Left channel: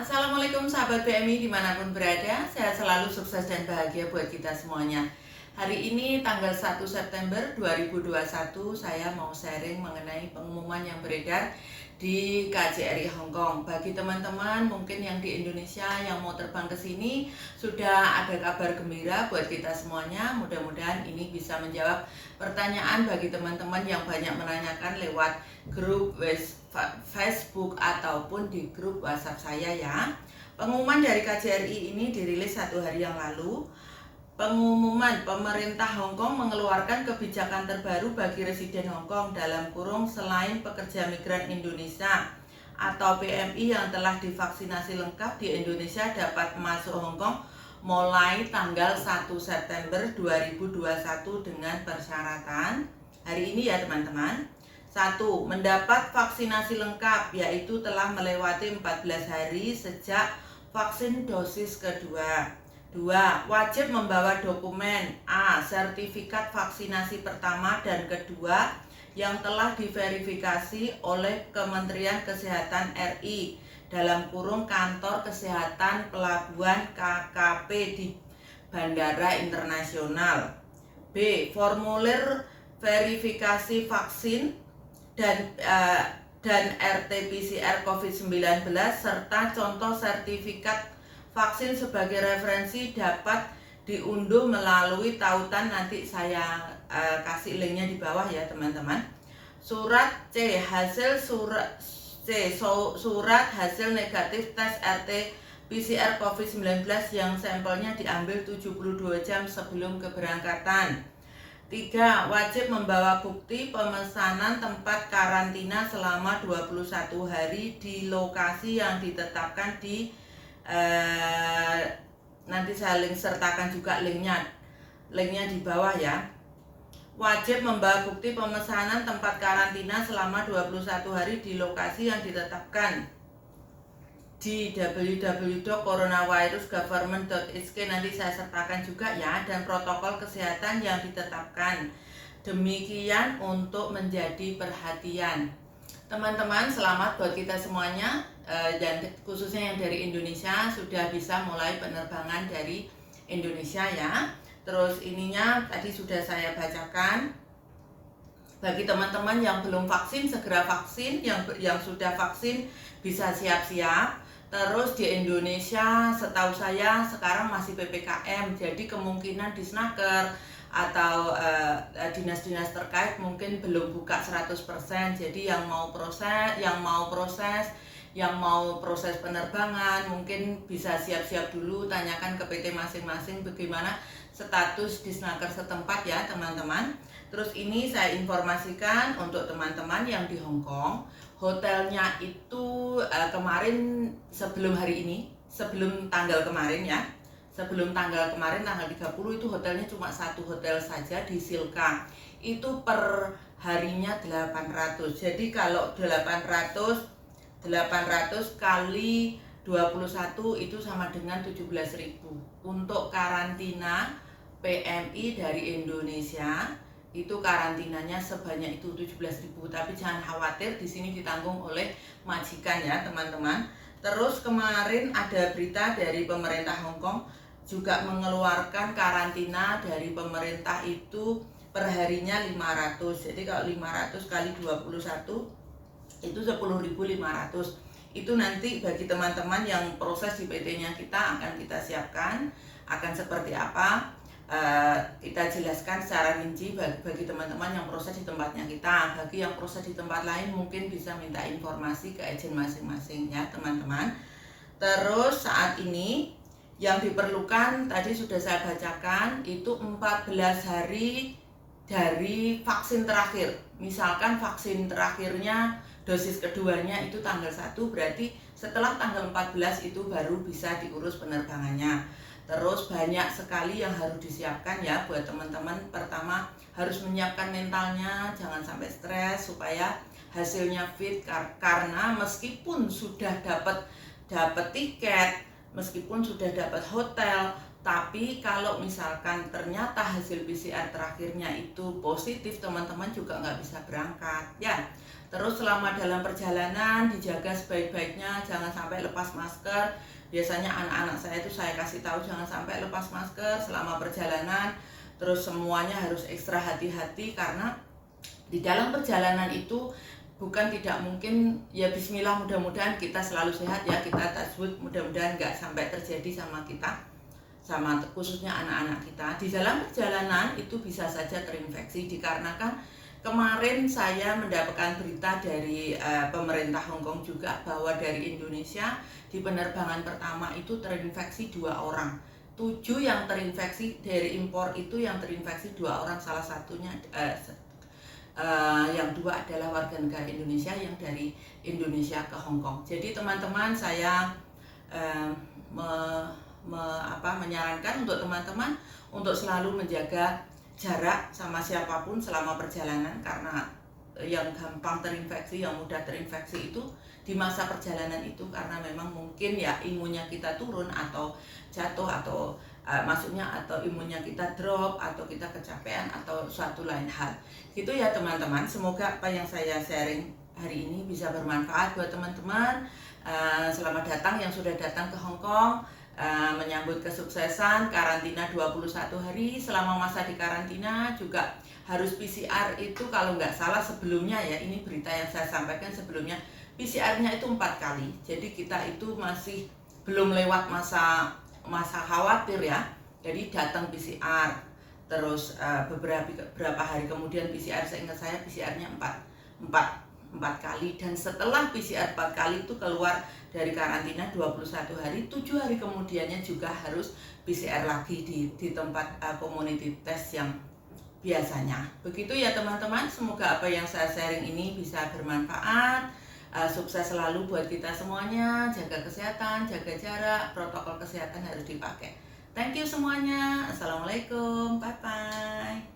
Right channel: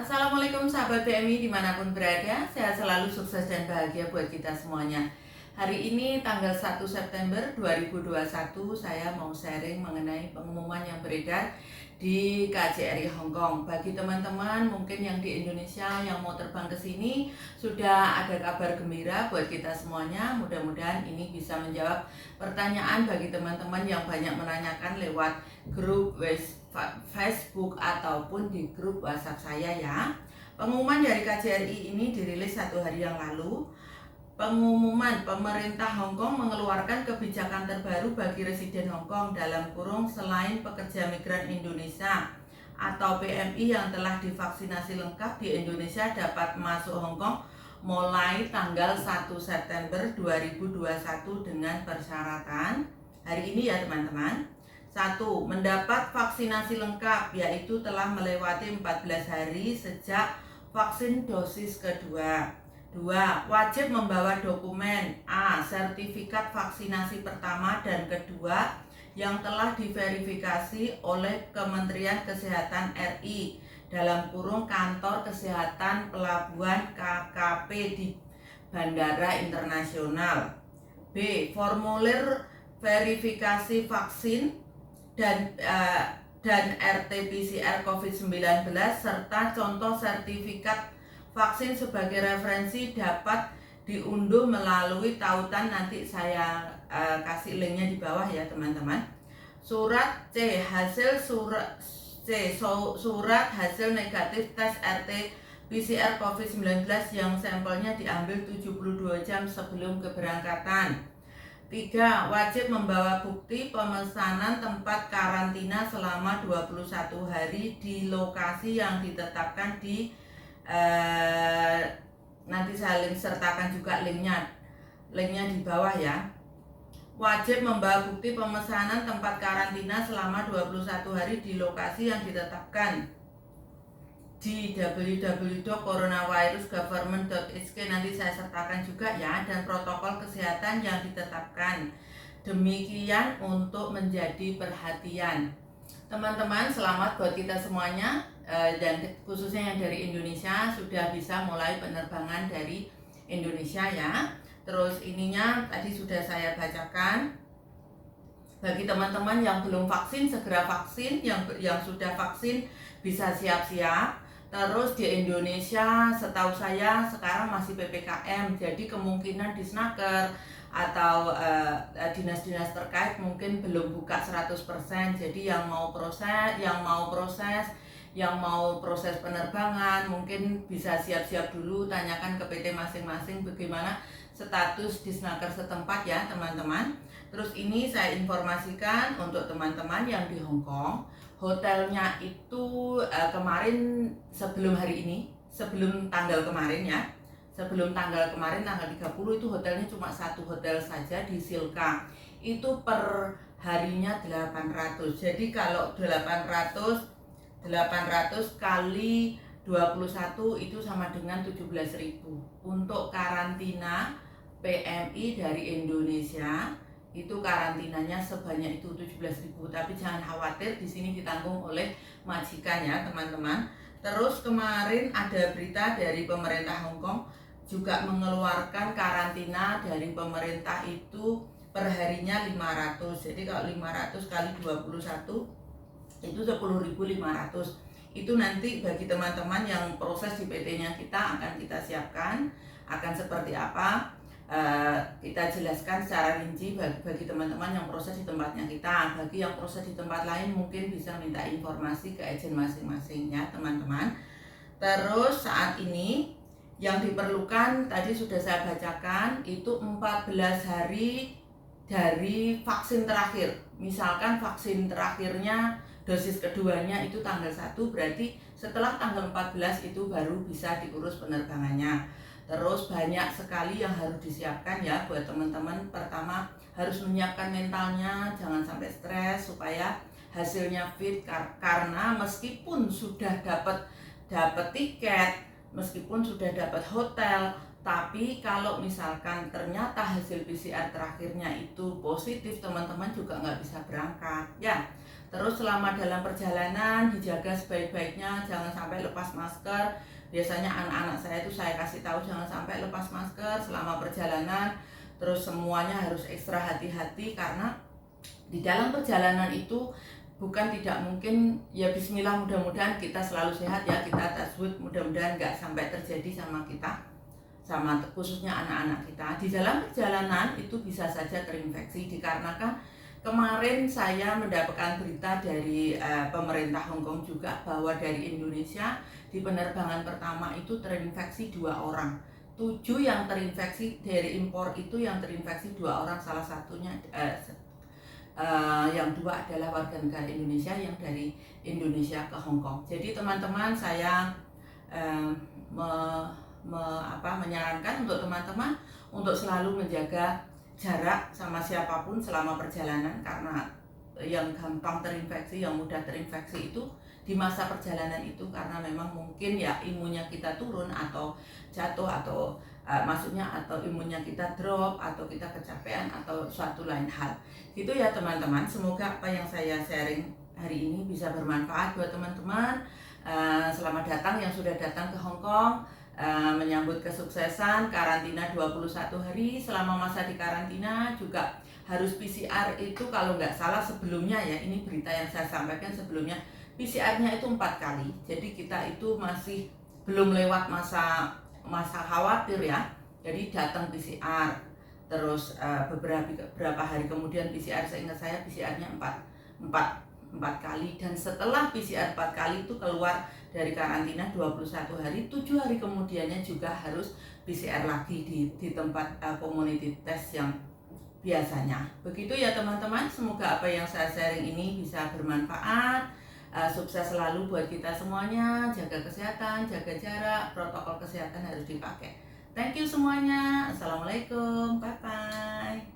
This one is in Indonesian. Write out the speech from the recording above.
Assalamualaikum sahabat PMI dimanapun berada, sehat selalu, sukses dan bahagia buat kita semuanya. Hari ini tanggal 1 September 2021 saya mau sharing mengenai pengumuman yang beredar di KJRI Hong Kong. Bagi teman-teman mungkin yang di Indonesia yang mau terbang ke sini, sudah ada kabar gembira buat kita semuanya. Mudah-mudahan ini bisa menjawab pertanyaan bagi teman-teman yang banyak menanyakan lewat grup Facebook ataupun di grup WhatsApp saya ya. Pengumuman dari KJRI ini dirilis 1 hari yang lalu. Pengumuman pemerintah Hong Kong mengeluarkan kebijakan terbaru bagi residen Hong Kong dalam kurung selain pekerja migran Indonesia atau PMI yang telah divaksinasi lengkap di Indonesia dapat masuk Hong Kong mulai tanggal 1 September 2021 dengan persyaratan hari ini ya teman-teman. 1. Mendapat vaksinasi lengkap, yaitu telah melewati 14 hari sejak vaksin dosis kedua. 2. Wajib membawa dokumen A. Sertifikat vaksinasi pertama dan kedua yang telah diverifikasi oleh Kementerian Kesehatan RI dalam kurung Kantor Kesehatan Pelabuhan KKP di Bandara Internasional. B. Formulir verifikasi vaksin dan RT-PCR COVID-19 serta contoh sertifikat vaksin sebagai referensi dapat diunduh melalui tautan, nanti saya kasih linknya di bawah ya teman-teman. Surat C. Surat hasil negatif tes RT-PCR COVID-19 yang sampelnya diambil 72 jam sebelum keberangkatan. 3. Wajib membawa bukti pemesanan tempat karantina selama 21 hari di lokasi yang ditetapkan di nanti saya sertakan juga linknya di bawah ya. Wajib membawa bukti pemesanan tempat karantina selama 21 hari di lokasi yang ditetapkan di www.coronavirusgovernment.hk, nanti saya sertakan juga ya, dan protokol kesehatan yang ditetapkan. Demikian untuk menjadi perhatian. Teman-teman, selamat buat kita semuanya, dan khususnya yang dari Indonesia sudah bisa mulai penerbangan dari Indonesia ya. Terus ininya tadi sudah saya bacakan. Bagi teman-teman yang belum vaksin, segera vaksin. Yang sudah vaksin bisa siap-siap. Terus di Indonesia setahu saya sekarang masih PPKM, jadi kemungkinan Disnaker atau dinas-dinas terkait mungkin belum buka 100%. Jadi yang mau proses penerbangan mungkin bisa siap-siap dulu, tanyakan ke PT masing-masing bagaimana status Disnaker setempat ya teman-teman. Terus ini saya informasikan untuk teman-teman yang di Hong Kong, hotelnya itu kemarin sebelum tanggal kemarin ya, sebelum tanggal kemarin tanggal 30 itu hotelnya cuma satu hotel saja di Silka, itu per harinya 800. Jadi kalau 800 kali 21 itu sama dengan 17.000 untuk karantina PMI dari Indonesia. Itu karantinanya sebanyak itu 17.000, tapi jangan khawatir, di sini ditanggung oleh majikan ya teman-teman. Terus kemarin ada berita dari pemerintah Hong Kong juga mengeluarkan karantina dari pemerintah itu perharinya 500. Jadi kalau 500 kali 21 itu 10.500. Itu nanti bagi teman-teman yang proses di PT-nya kita akan kita siapkan, akan seperti apa, kita jelaskan secara rinci bagi teman-teman yang proses di tempatnya kita. Bagi yang proses di tempat lain mungkin bisa minta informasi ke agen masing-masing ya teman-teman. Terus saat ini yang diperlukan tadi sudah saya bacakan, itu 14 hari dari vaksin terakhir. Misalkan vaksin terakhirnya dosis keduanya itu tanggal 1, berarti setelah tanggal 14 itu baru bisa diurus penerbangannya. Terus banyak sekali yang harus disiapkan ya buat teman-teman. Pertama, harus menyiapkan mentalnya, jangan sampai stres supaya hasilnya fit, karena meskipun sudah dapat tiket, meskipun sudah dapat hotel, tapi kalau misalkan ternyata hasil PCR terakhirnya itu positif, teman-teman juga nggak bisa berangkat ya. Terus selama dalam perjalanan dijaga sebaik-baiknya, jangan sampai lepas masker. Biasanya anak-anak saya itu saya kasih tahu jangan sampai lepas masker selama perjalanan. Terus semuanya harus ekstra hati-hati karena di dalam perjalanan itu bukan tidak mungkin, ya bismillah, mudah-mudahan kita selalu sehat ya, kita tasbih, mudah-mudahan nggak sampai terjadi sama kita, sama khususnya anak-anak kita. Di dalam perjalanan itu bisa saja terinfeksi dikarenakan kemarin saya mendapatkan berita dari pemerintah Hong Kong juga bahwa dari Indonesia di penerbangan pertama itu terinfeksi 2 orang. 7 yang terinfeksi dari impor itu, yang terinfeksi 2 orang, salah satunya yang 2 adalah warga negara Indonesia yang dari Indonesia ke Hong Kong. Jadi teman-teman, saya menyarankan untuk teman-teman untuk selalu menjaga jarak sama siapapun selama perjalanan, karena yang gampang terinfeksi, yang mudah terinfeksi itu di masa perjalanan itu karena memang mungkin ya imunnya kita turun atau jatuh atau maksudnya atau imunnya kita drop atau kita kecapean atau suatu lain hal. Gitu ya teman-teman, semoga apa yang saya sharing hari ini bisa bermanfaat buat teman-teman. Selamat datang yang sudah datang ke Hong Kong, menyambut kesuksesan karantina 21 hari. Selama masa di karantina juga harus PCR itu, kalau nggak salah sebelumnya ya, ini berita yang saya sampaikan sebelumnya, PCR-nya itu 4 kali. Jadi kita itu masih belum lewat masa khawatir ya. Jadi datang PCR, terus beberapa hari kemudian PCR, seingat saya PCR-nya 4 kali, dan setelah PCR 4 kali itu keluar dari karantina 21 hari, 7 hari kemudiannya juga harus PCR lagi di tempat community test yang biasanya. Begitu ya teman-teman, semoga apa yang saya sharing ini bisa bermanfaat. Sukses selalu buat kita semuanya, jaga kesehatan, jaga jarak, protokol kesehatan harus dipakai. Thank you semuanya, assalamualaikum, bye bye.